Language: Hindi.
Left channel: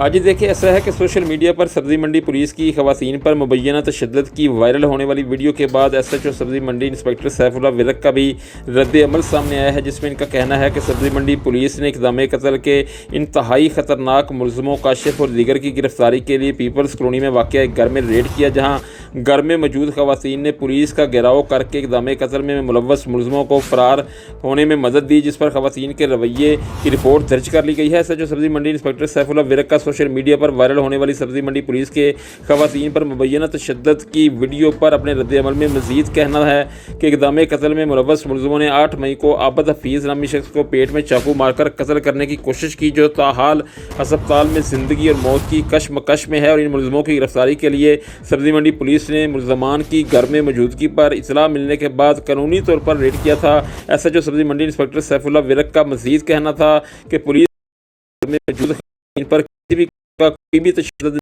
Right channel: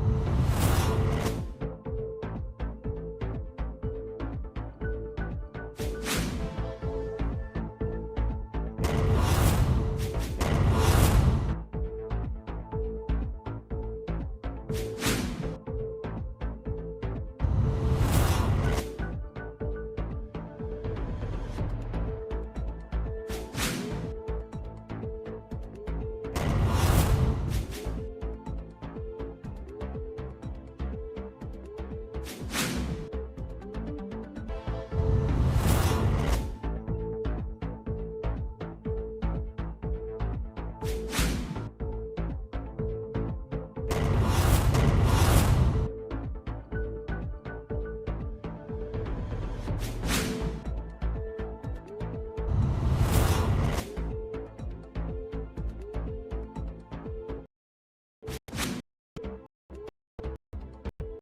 आज देखिए ऐसा है कि सोशल मीडिया पर सब्ज़ी मंडी पुलिस की ख़वातीन पर मुबैना तशद्दुद की वायरल होने वाली वीडियो के बाद SHO सब्ज़ी मंडी इंस्पेक्टर सैफुल्लाह विरक का भी रद्द-ए-अमल सामने आया है, जिसमें इनका कहना है कि सब्ज़ी मंडी पुलिस ने इक़दाम कत्ल के इंतहाई ख़तरनाक मुलज़िमों काशिफ और दीगर की गिरफ्तारी के लिए पीपल्स कॉलोनी में वाक़या एक घर में रेड किया, जहाँ घर में मौजूद ख़वातीन ने पुलिस का घेराव करके इक़दाम कत्ल में मुलव्वस मुलज़िमों को फ़रार होने में मदद दी, जिस पर ख़वातीन के रवैये की रिपोर्ट दर्ज कर ली गई है। SHO सब्ज़ी मंडी इंस्पेक्टर सैफुल्लाह विरक का सोशल मीडिया पर वायरल होने वाली सब्ज़ी मंडी पुलिस के ख़वातीन पर मुबैना तशद्दुद की वीडियो पर अपने रद्द-ए-अमल में मज़ीद कहना है कि इक़दाम कत्ल में मुलव्वस मुलज़िमों ने 8 मई को आबद हफ़ीज़ नामी शख्स को पेट में चाकू मारकर कत्ल करने की कोशिश की, जो ताहाल अस्पताल में ज़िंदगी और मौत की कशमकश में है। और इन मुलज़िमों की गिरफ्तारी के लिए सब्ज़ी मंडी पुलिस ने मुलज़मान की घर में मौजूदगी पर इत्तला मिलने के बाद कानूनी तौर पर रेड किया था। SHO सब्ज़ी मंडी इंस्पेक्टर सैफुल्लाह विरक का मज़ीद कहना था कि पुलिस में मौजूद इन पर किसी भी तशद्दुद